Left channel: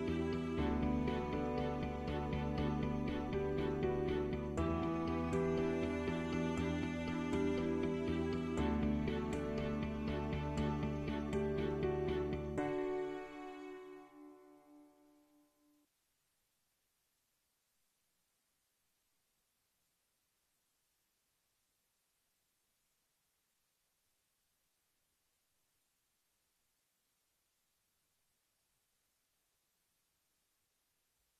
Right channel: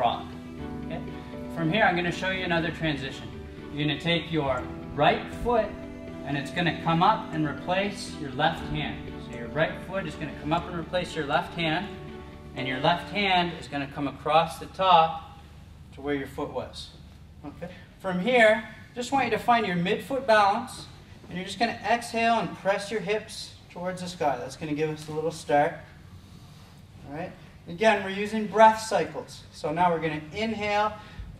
frog. Okay? From here, I'm going to show you another transition. You're going to take your right foot and it's going to come up and replace your left hand. So your right foot is going to come up and replace your left hand, and your left hand is going to come across the top to where your foot was. Okay? From here, just want you to find your midfoot balance, and you're just going to exhale and press your hips towards the sky. That's going to give us a little start. All right? Again, we're using breath cycles. So now we're going to inhale,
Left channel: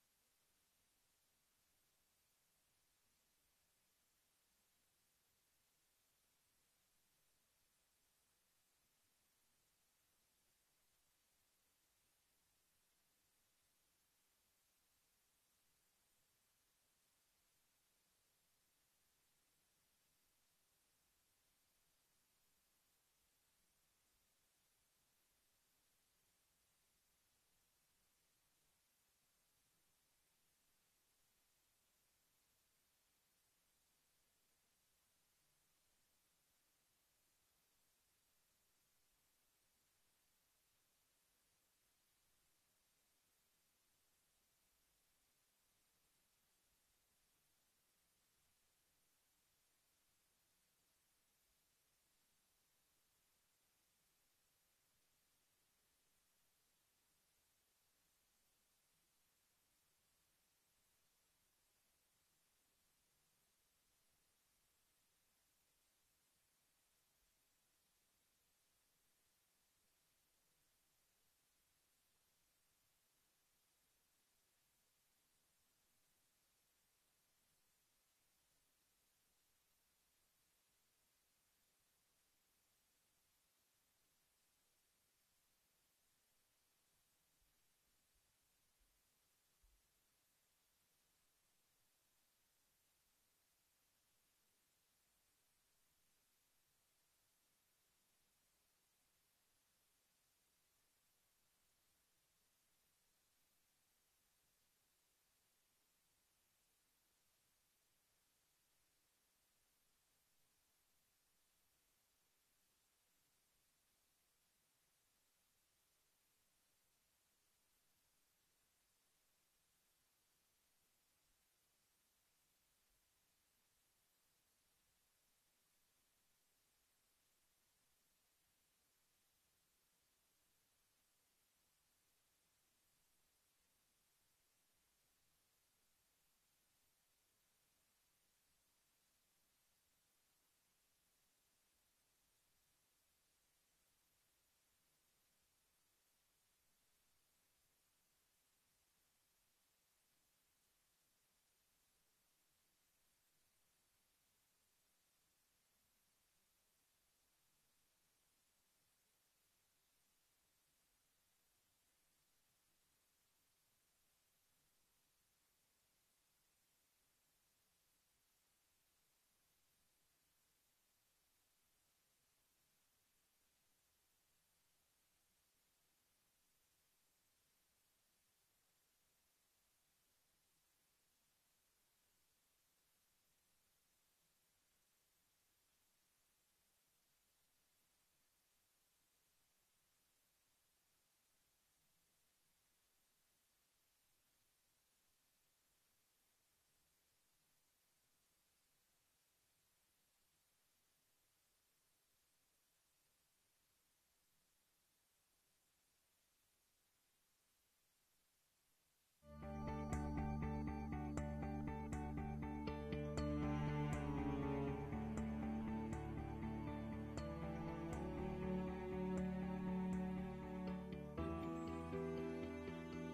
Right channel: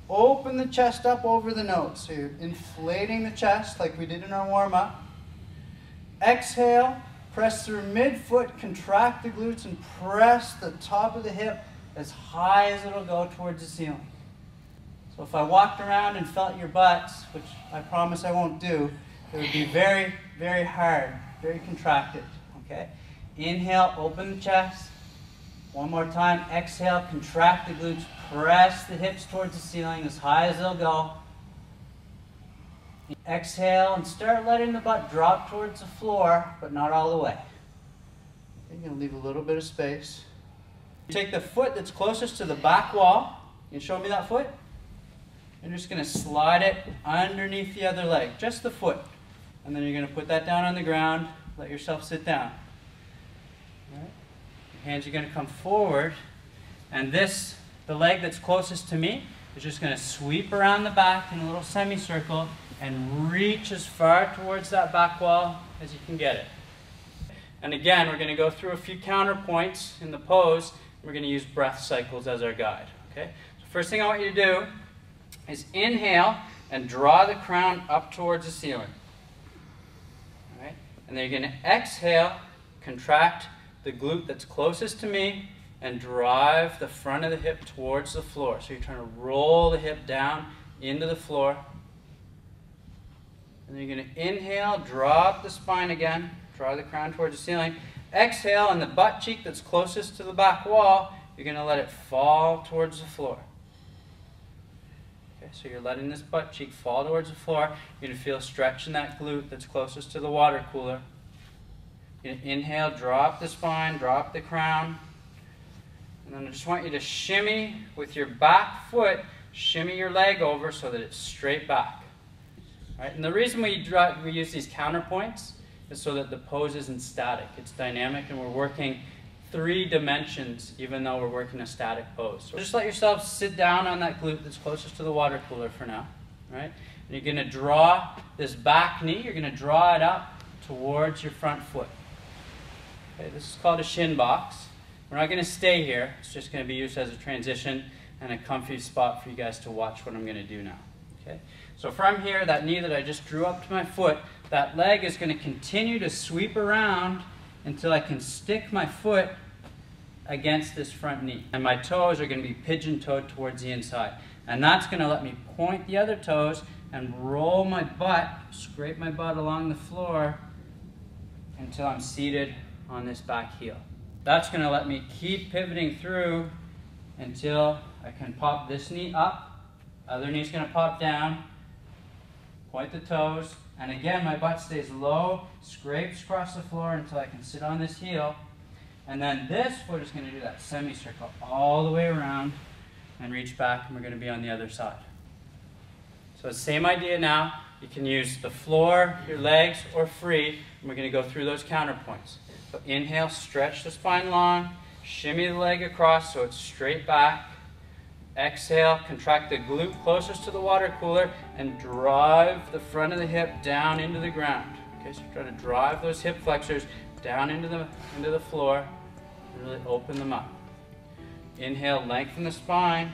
open the chest up over the nose. So you're inflating the chest like we did in our warm-up. Exhale, press through midfoot, contract the glutes, and press the top of the hip as high as it'll go towards the ceiling. So if I walked around and felt your butts, which I promise I won't do, it would be very, very hard, very contracted. Okay? Inhale, open the chest. One more time, exhale, contract the glutes, press the hips towards the ceiling as high as they'll go. Exhale and start letting the butt drop towards the floor, but not all the way. You're going to leave a little bit of space. Take the foot that's closest to the back wall. You can show me that foot? You're just going to slide it underneath the other leg, just the foot. And then you're going to put that down on the ground, let yourself sit down. Hands are going to come forward, and the leg that's closest to me is just going to sweep around the back in a little semicircle and reach as far towards that back wall as you can get it. And again, we're going to go through a few counterpoints in the pose. We're going to use breath cycles as our guide. Okay? So first thing I want you to do is inhale and draw the crown up towards the ceiling. All right? And then you're going to exhale, contract the glute that's closest to me, and drive the front of the hip towards the floor. So you're trying to roll the hip down into the floor. And then you're going to inhale, drop the spine again, draw the crown towards the ceiling. Exhale, and the butt cheek that's closest to the back wall, you're going to let it fall towards the floor. Okay, so you're letting this butt cheek fall towards the floor. You're going to feel a stretch in that glute that's closest to the water cooler. You inhale, drop the spine, drop the crown. And then I just want you to shimmy with your back foot, shimmy your leg over so that it's straight back. All right? And the reason we use these counterpoints is so that the pose isn't static. It's dynamic, and we're working 3 dimensions even though we're working a static pose. So just let yourself sit down on that glute that's closest to the water cooler for now. Right? And you're going to draw this back knee, you're going to draw it up towards your front foot. Okay, this is called a shin box. We're not going to stay here. It's just going to be used as a transition and a comfy spot for you guys to watch what I'm going to do now. Okay? So from here, that knee that I just drew up to my foot, that leg is going to continue to sweep around until I can stick my foot against this front knee. And my toes are going to be pigeon-toed towards the inside. And that's going to let me point the other toes and roll my butt, scrape my butt along the floor until I'm seated on this back heel. That's going to let me keep pivoting through until I can pop this knee up, other knee's going to pop down, point the toes, and again my butt stays low, scrapes across the floor until I can sit on this heel, and then this foot is going to do that semicircle all the way around and reach back, and we're going to be on the other side. So same idea now. You can use the floor, your legs, or free, and we're going to go through those counterpoints. So inhale, stretch the spine long, shimmy the leg across so it's straight back. Exhale, contract the glute closest to the water cooler and drive the front of the hip down into the ground. Okay, so try to drive those hip flexors down into the floor and really open them up. Inhale, lengthen the spine.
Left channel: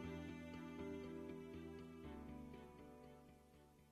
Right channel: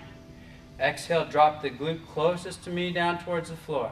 Exhale, drop the glute closest to me down towards the floor.